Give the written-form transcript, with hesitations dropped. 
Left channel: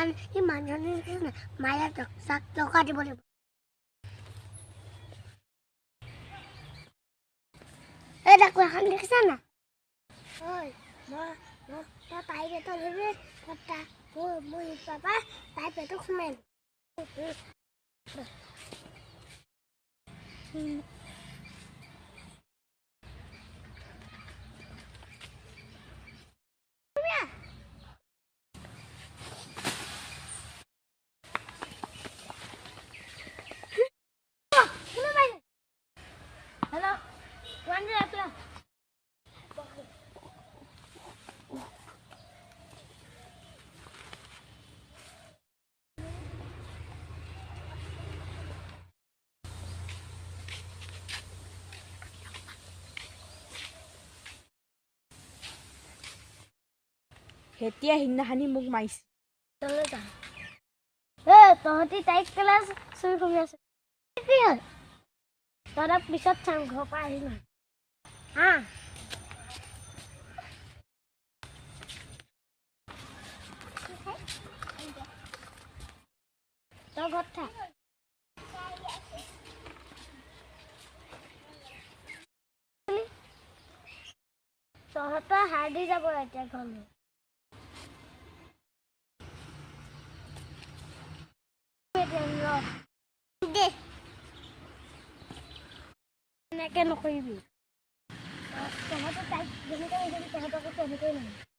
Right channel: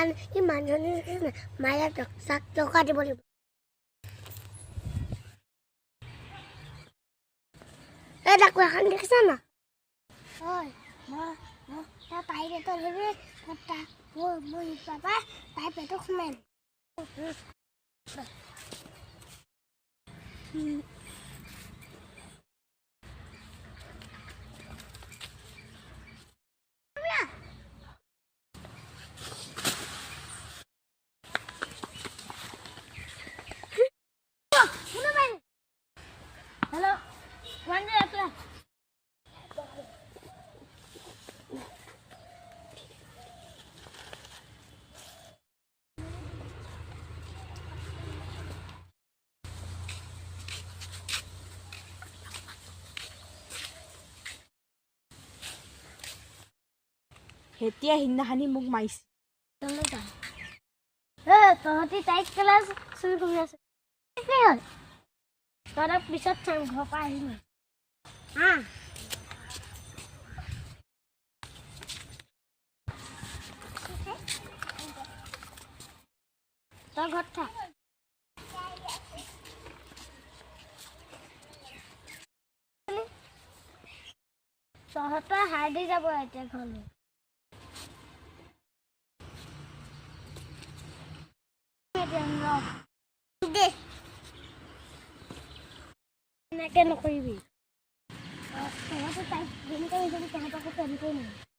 মানুহজনী মায়ে চাক টকা দিব লাগিব এই ডাকুৰ এখন দেখিছা না হয় মই তাই পেটত ধৰি মোৰ পাপা তাই পেটত সোমাই Hello, one day after. হেতিয়া সিদিনাখনি মোক মাৰিছে তহঁতি তাইক ক্লাছ চুই কৰি আছে কি হ'ল তহঁতক পিছত চাম ঘৰৰ পৰা আহিলোঁ হা তই ঘৰত থাক তহঁতৰ হাৰ দি যাব এতিয়া ঘৰলৈ এনেকে নকৰিবি তহঁতে তাইক যেনেকৈ তহঁতকো তেনেকৈ নহয়